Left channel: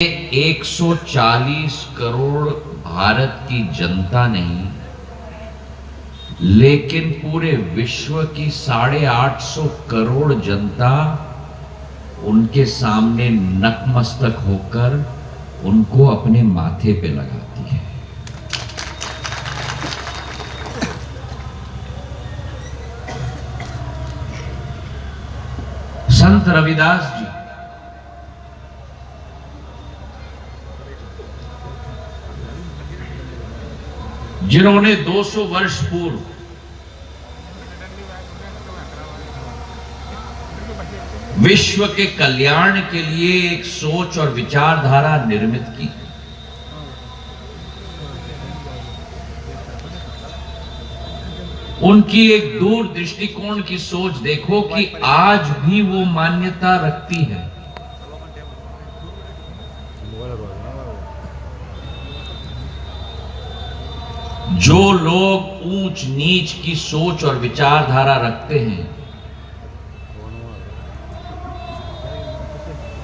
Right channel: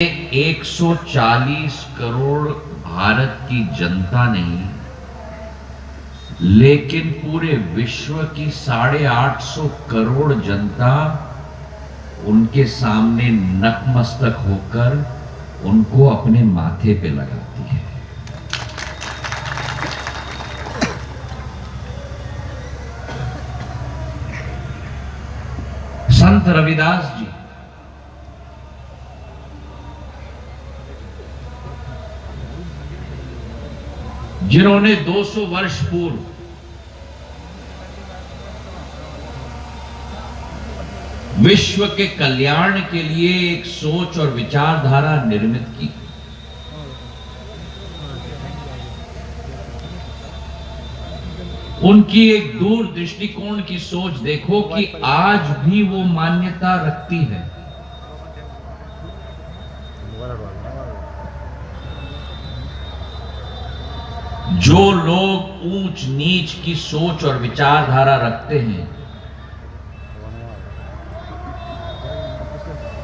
140 करोड़ भारत की जनता नहीं, लेकिन पूरे विश्व की 850 करोड़ जनता उनके सामने नतमस्तक होकर उनको अपने माथे पे लगाती है। संत रविदास जी जिन्होंने 200 वर्ष पूर्व विश्व के कल्याण के लिए एक सोच और विचारधारा निर्मित की, उनकी एक दूर दृष्टिकोण की सोच देखो कि आज भी वो मान्यता रखती है। जो लोग ऊंच नीच की सोच और विचारधारा रखते हैं,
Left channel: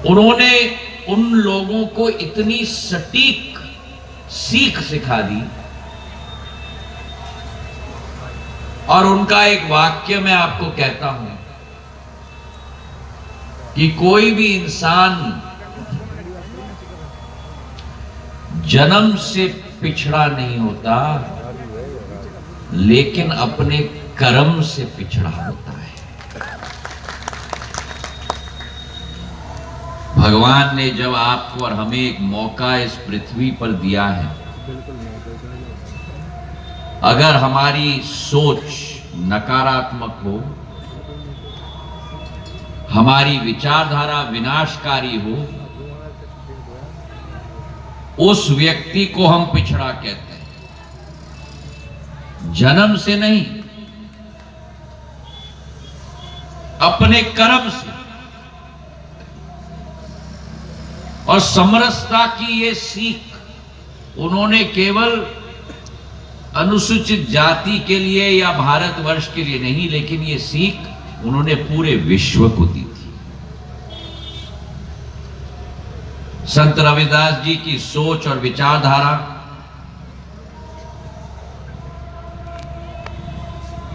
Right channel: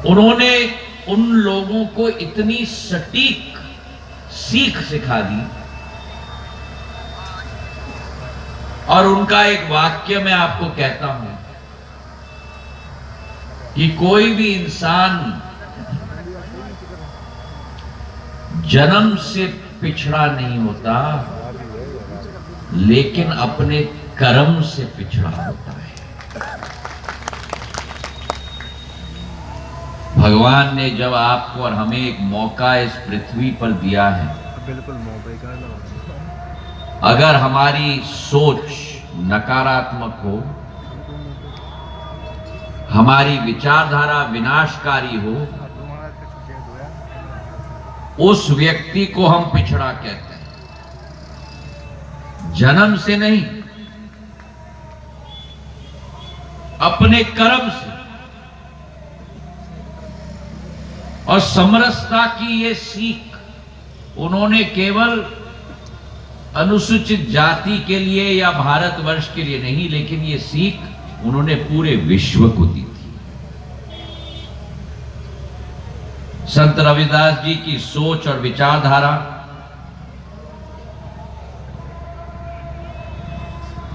उन्होंने उन लोगों को इतनी सटीक सीख सिखा दी। और उनका एक वाक्य मैं आपको कहता हूं कि कोई भी इंसान जन्म से पिछड़ा नहीं होता, लेकिन अपने कर्म से पिछड़ा होता है। भगवान ने जब आपको और हमें एक मौका इस पृथ्वी पर दिया है, अगर हमारी सोच नकारात्मक हो, हमारी विचारधारा विनाशकारी हो, उस व्यक्ति को हम पिछड़ा कहते हैं, जन्म से नहीं, अपने कर्म से। और समरसता की ये सीख उन्होंने केवल अनुसूचित जाति के लिए या भारतवर्ष के लिए नहीं, लेकिन ये सीख उन्होंने पूरे विश्व को दी थी। संत रविदास जी की सोच और विचारधारा,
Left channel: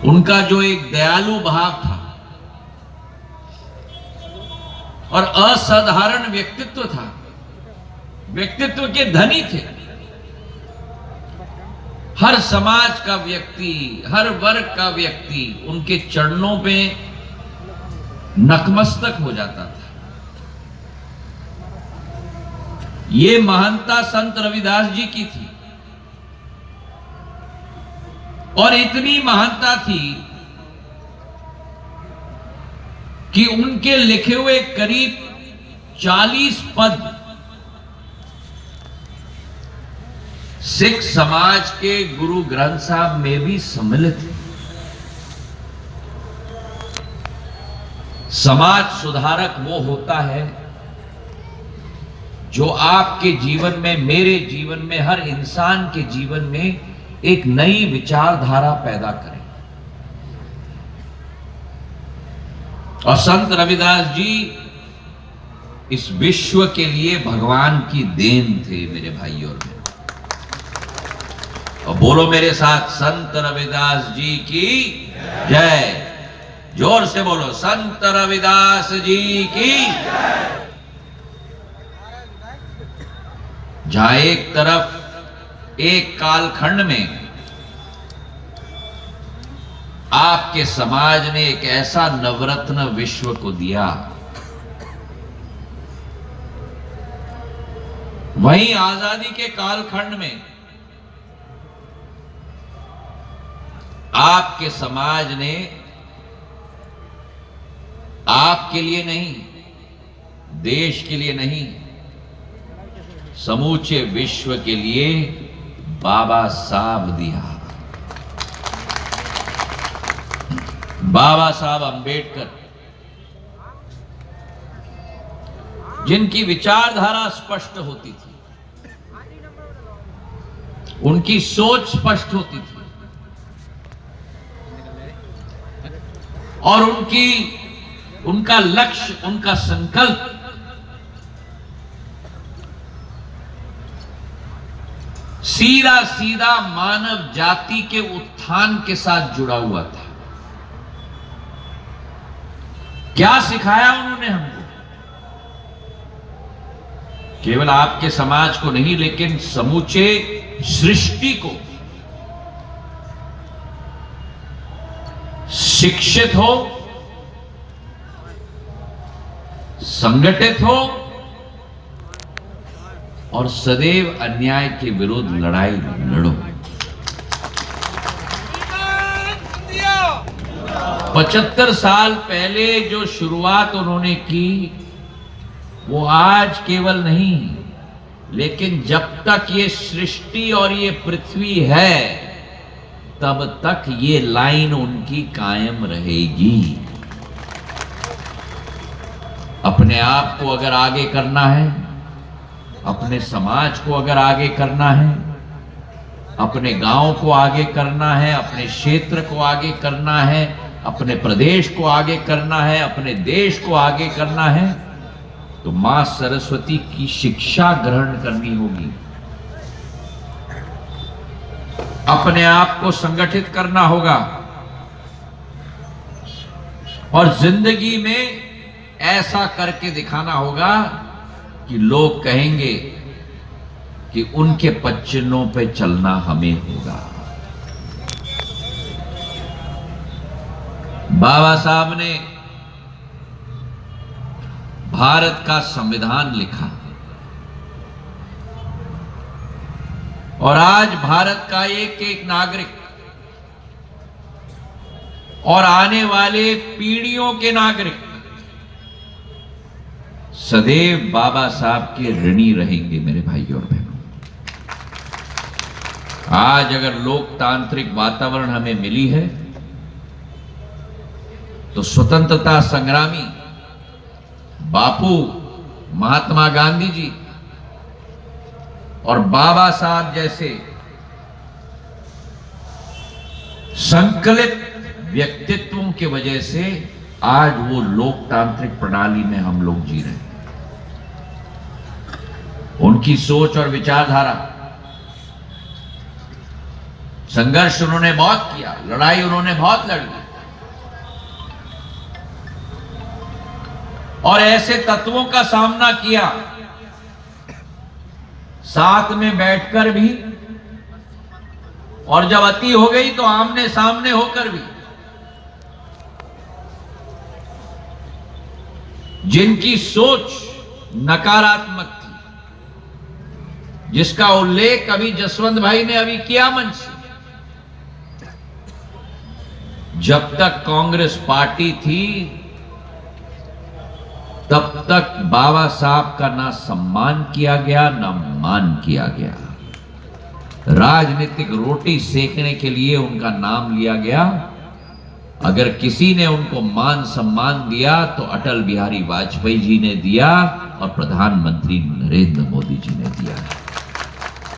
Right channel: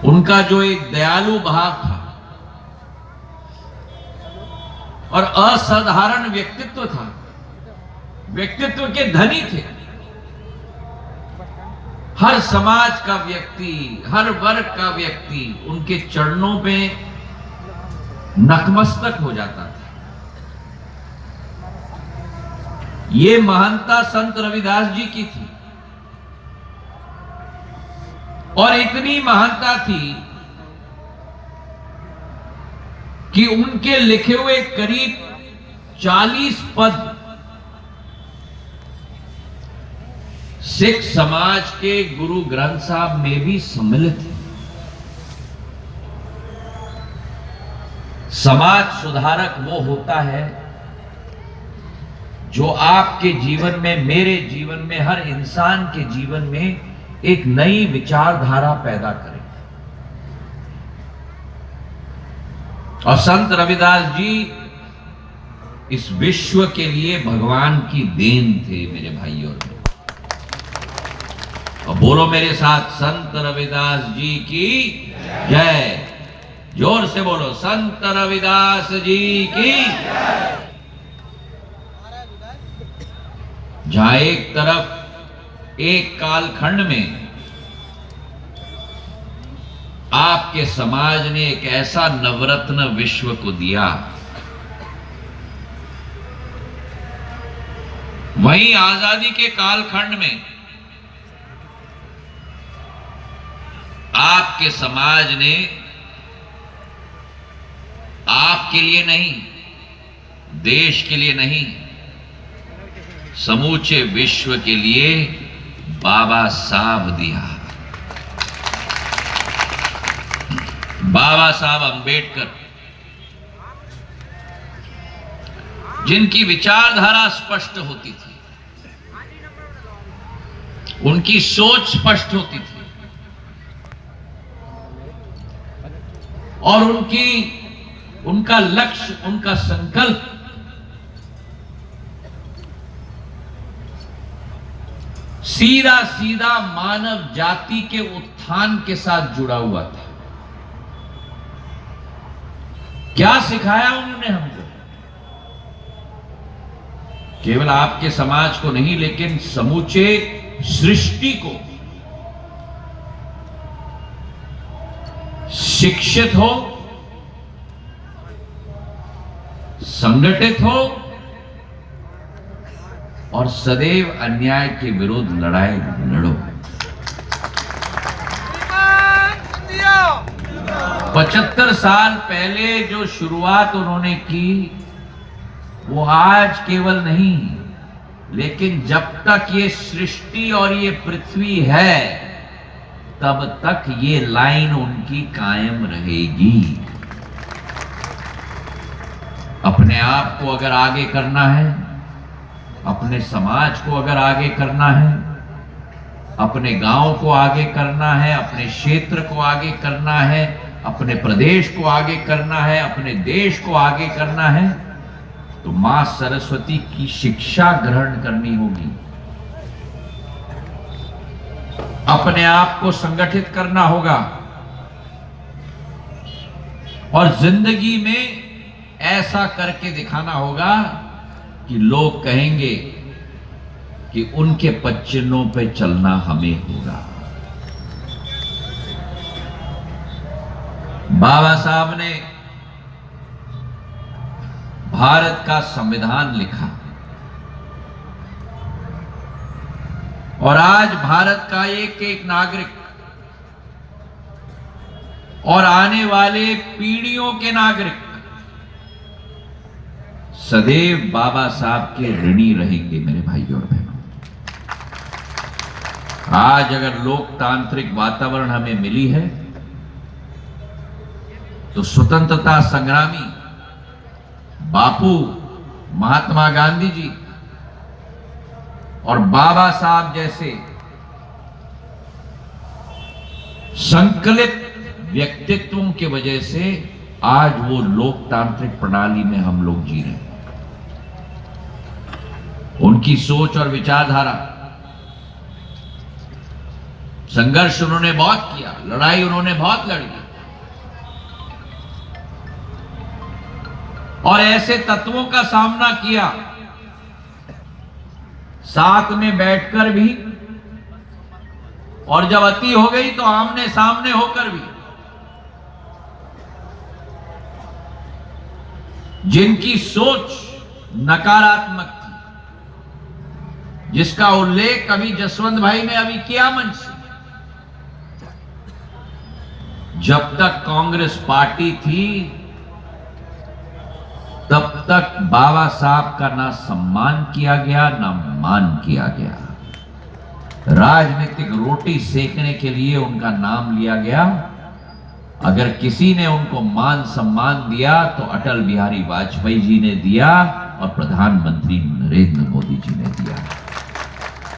उनका जो एक दयालु भाव था और असाधारण व्यक्तित्व था, व्यक्तित्व के धनी थे। हर समाज का व्यक्ति, हर वर्ग का व्यक्ति उनके चरणों पे नतमस्तक हो जाता था। ये महानता संत रविदास जी की थी, और इतनी महानता थी कि उनके लिखे हुए करीब 40 पद सिख समाज के गुरु ग्रंथ साहब में भी सम्मिलित है। समाज सुधारक वो होता है जो आपके जीवन में, मेरे जीवन में, हर इंसान के जीवन में एक नई विचारधारा पैदा करे। और संत रविदास जी इस विश्व के लिए भगवान की देन थे, मेरे भाइयों और बहनों। और बोलो मेरे साथ, संत रविदास जी की जय। जोर से बोलो, संत रविदास जी की। जहां एक तरफ एक कालखंड में आपके समाज ने एक ऐसा नवरत्न विश्व को दिया, वहीं आजादी के कालखंड में आपके समाज ने आपके लिए नहीं, देश के लिए नहीं, समूचे विश्व के लिए बाबा साहब दिया। बाबा साहब अंबेडकर, जिनकी विचारधारा स्पष्ट होती थी, उनकी सोच स्पष्ट होती थी, और उनका लक्ष्य, उनका संकल्प सीधा सीधा मानव जाति के उत्थान के साथ जुड़ा हुआ था। क्या सिखाया उन्होंने हमको? केवल आपके समाज को नहीं, लेकिन समूचे सृष्टि को शिक्षित हो, संगठित हो और सदैव अन्याय के विरुद्ध लड़ाई लड़ो। 75 साल पहले जो शुरुआत उन्होंने की, वो आज केवल नहीं, लेकिन जब तक ये सृष्टि और ये पृथ्वी है, तब तक ये लाइन उनकी कायम रहेगी। अपने आप को अगर आगे करना है, अपने समाज को अगर आगे करना है, अपने गांव को आगे करना है, अपने क्षेत्र को आगे करना है, अपने प्रदेश को आगे करना है, अपने देश को आगे करना है, तो मां सरस्वती की शिक्षा ग्रहण करनी होगी। अपने आप को संगठित करना होगा और जिंदगी में ऐसा करके दिखाना होगा कि लोग कहेंगे कि उनके पच्चनों पे चलना हमें होगा। बाबा साहब ने भारत का संविधान लिखा और आज भारत का एक एक नागरिक और आने वाले पीढ़ियों के नागरिक सदैव बाबा साहब के ऋणी रहेंगे। मेरे भाइयों और बहनों, आज अगर लोकतांत्रिक वातावरण हमें मिली है, तो स्वतंत्रता संग्रामी बापू महात्मा गांधी जी और बाबा साहब जैसे संकलित व्यक्तित्वों की वजह से आज वो लोकतांत्रिक प्रणाली में हम लोग जी रहे हैं। उनकी सोच और विचारधारा, संघर्ष उन्होंने बहुत किया, लड़ाई उन्होंने बहुत लड़ी, और ऐसे तत्वों का सामना किया, साथ में बैठकर भी, और जब अति हो गई तो आमने सामने होकर भी। जिनकी सोच नकारात्मक थी, जिसका उल्लेख अभी जसवंत भाई ने अभी किया मंच से, जब तक कांग्रेस पार्टी थी तब तक बाबा साहब का ना सम्मान किया गया ना मान किया गया। राजनीतिक रोटी सेकने के लिए उनका नाम लिया गया। अगर किसी ने उनको मान सम्मान दिया तो अटल बिहारी वाजपेयी जी ने दिया और प्रधानमंत्री नरेंद्र मोदी जी ने दिया।